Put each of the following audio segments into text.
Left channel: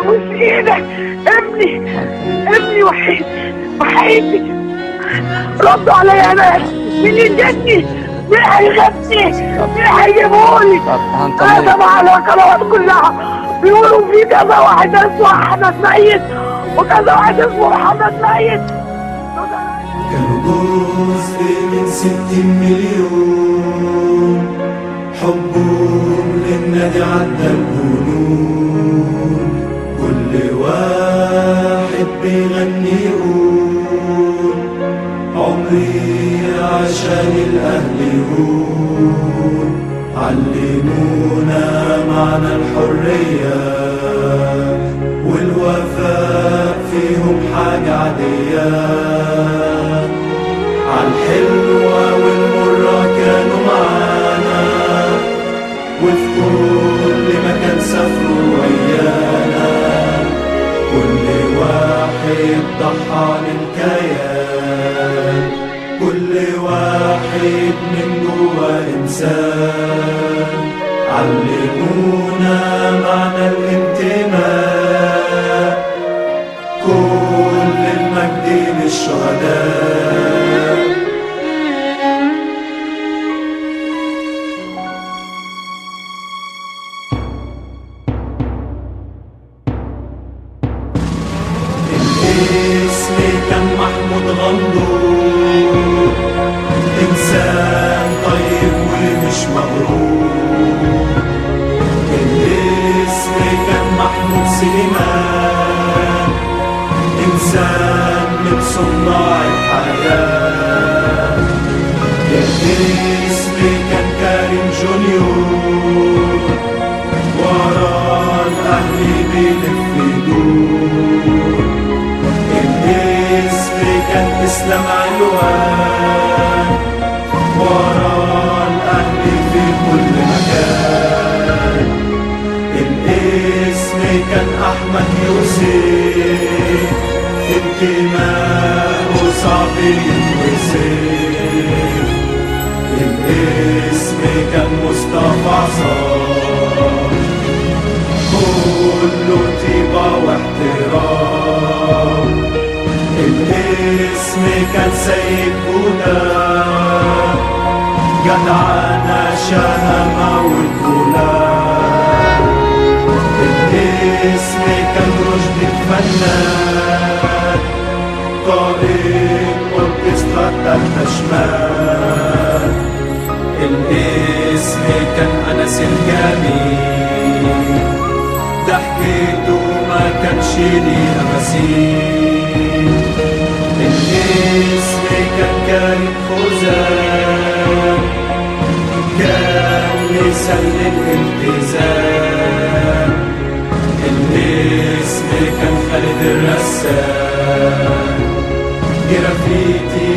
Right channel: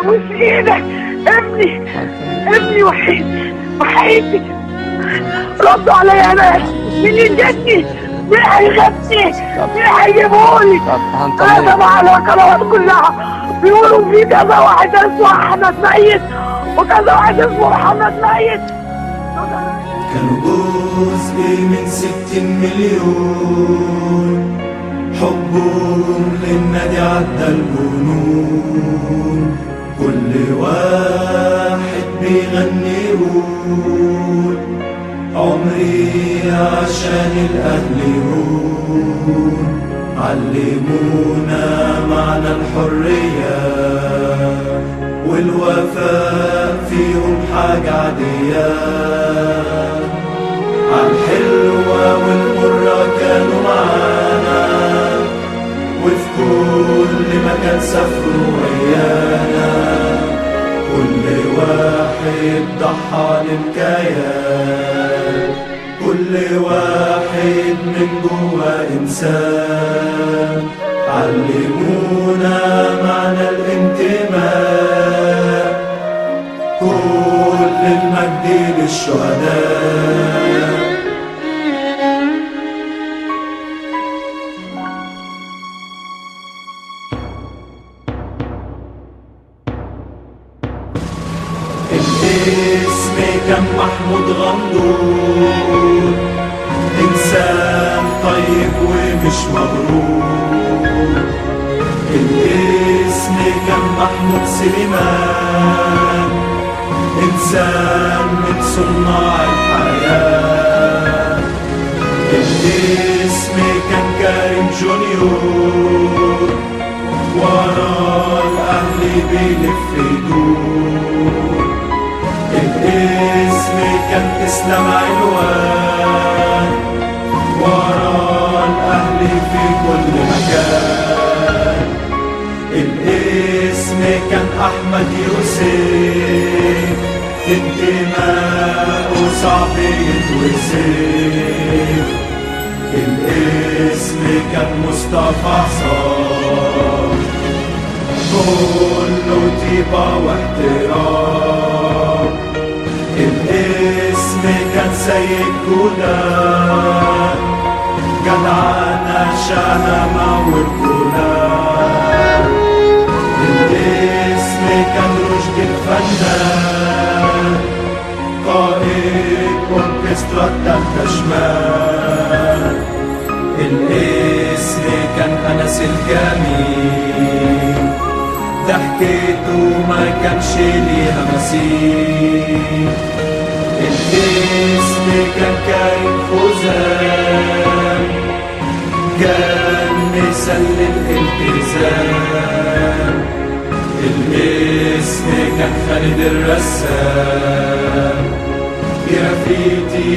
ابوس ايدك، ابني وحيدي ردوا عليا يا ناس. مين يجدني؟ مين هيغني؟ مين هيجيبهولي؟ طبعا على القنوات كلها بيقولوا في كذا واحد اسمه احمد ميت وكذا واحد اسمه محمد ميت. كانوا جزء من 60 مليون، حبهم للنادي عدى الجنون. كل واحد بيغني يقول عمري عشان الأهل يهون. علمونا معنى الحرية والوفاء فيهم حاجة عادية. عالحلوة والمرة كانوا معانا، وفي كل مكان سافروا ويانا. كل واحد ضحى للكيان، كل واحد من جوا إنسان. علمونا معنى الانتماء، كل المجد للشهداء. الاسم كان محمود غمدون، إنسان طيب ومش مغرور. الاسم كان محمود سليمان، إنسان من صناع الحياة. الاسم كان كريم جونيور، ورا الأهل بيلف يدور. الاسم كان اسلام علوان، ورا الأهل في كل مكان. الاسم كان أحمد يوسف، انتماء وصعب يتوصف. الاسم كان مصطفى صار، كله طيبة واحترام. الاسم كان سيد جودة، جدعانة شهامة والجولان. الاسم كان رشد الفنان، قائد أوركسترا التالتة شمال. الاسم كان أنس الجميل، ضحكته ما كانش ليها مثيل. الاسم كان كريم فوزان، كان لسان للالتزام. الاسم كان خالد الرسام، جرافيتي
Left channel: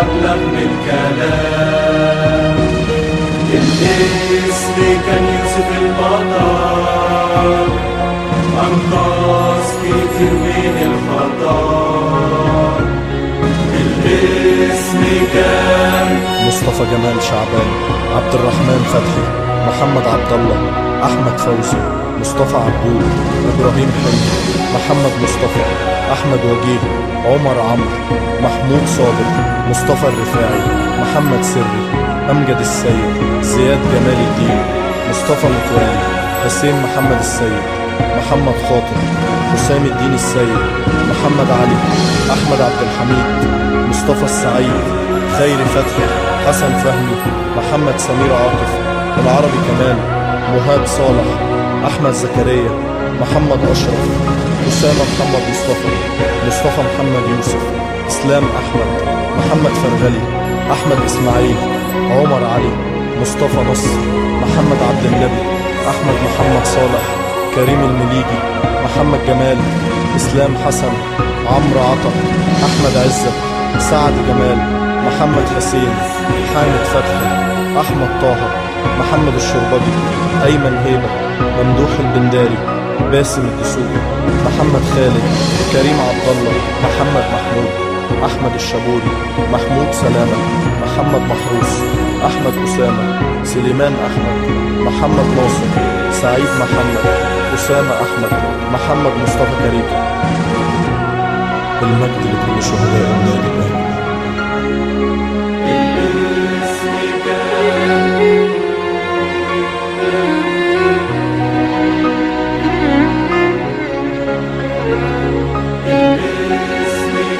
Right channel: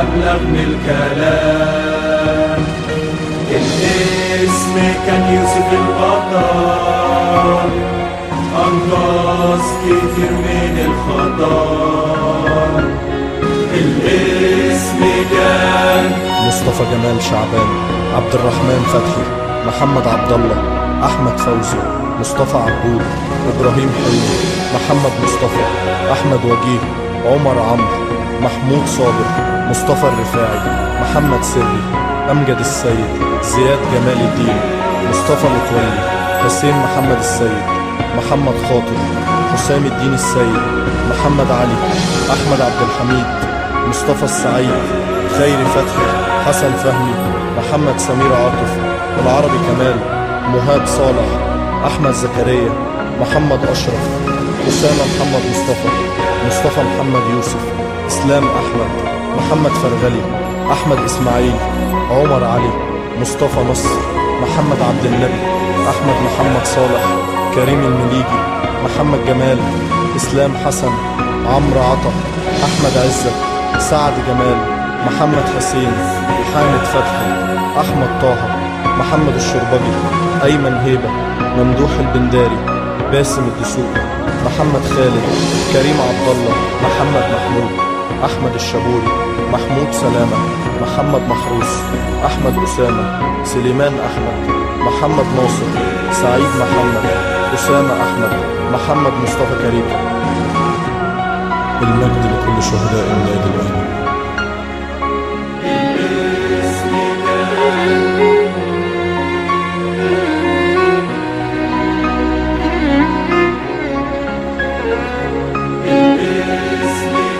أبلغ من الكلام. الاسم كان يوسف البطل، أنقذ كتير من الخطر. الاسم كان مصطفى جمال شعبان، عبد الرحمن فتحي، محمد عبد الله، أحمد فوزي، مصطفى عبود، إبراهيم حلمي، محمد مصطفى، أحمد وجيه، عمر عمرو، محمود صابر، مصطفى الرفاعي، محمد سري، أمجد السيد، زياد جمال الدين، مصطفى متولي، حسين محمد السيد، محمد خاطر، حسام الدين السيد، محمد علي، أحمد عبد الحميد، مصطفى السعيد، خيري فتحي، حسن فهمي، محمد سمير عاطف، العربي كمال، مهاب صالح، أحمد زكريا، محمد أشرف، أسامة محمد مصطفى محمد يوسف، إسلام أحمد، محمد فرغلي، أحمد إسماعيل، عمر علي، مصطفى نصر، محمد عبد النبي، أحمد محمد صالح، كريم المليجي، محمد جمال، إسلام حسن، عمرو عطا، أحمد عزت، سعد جمال، محمد حسين، حامد فتحي، أحمد طه، محمد الشربجي، أيمن هيبة، ممدوح البنداري، باسم الدسوقي، محمد خالد، كريم عبد الله، محمد محمود، أحمد الشبوري، محمود سلامة، محمد محروس، أحمد أسامة، سليمان أحمد، محمد ناصر، سعيد محمد، أسامة أحمد، محمد مصطفى كريكة. المجد لكل شهداء النادي الأهلي. باسمك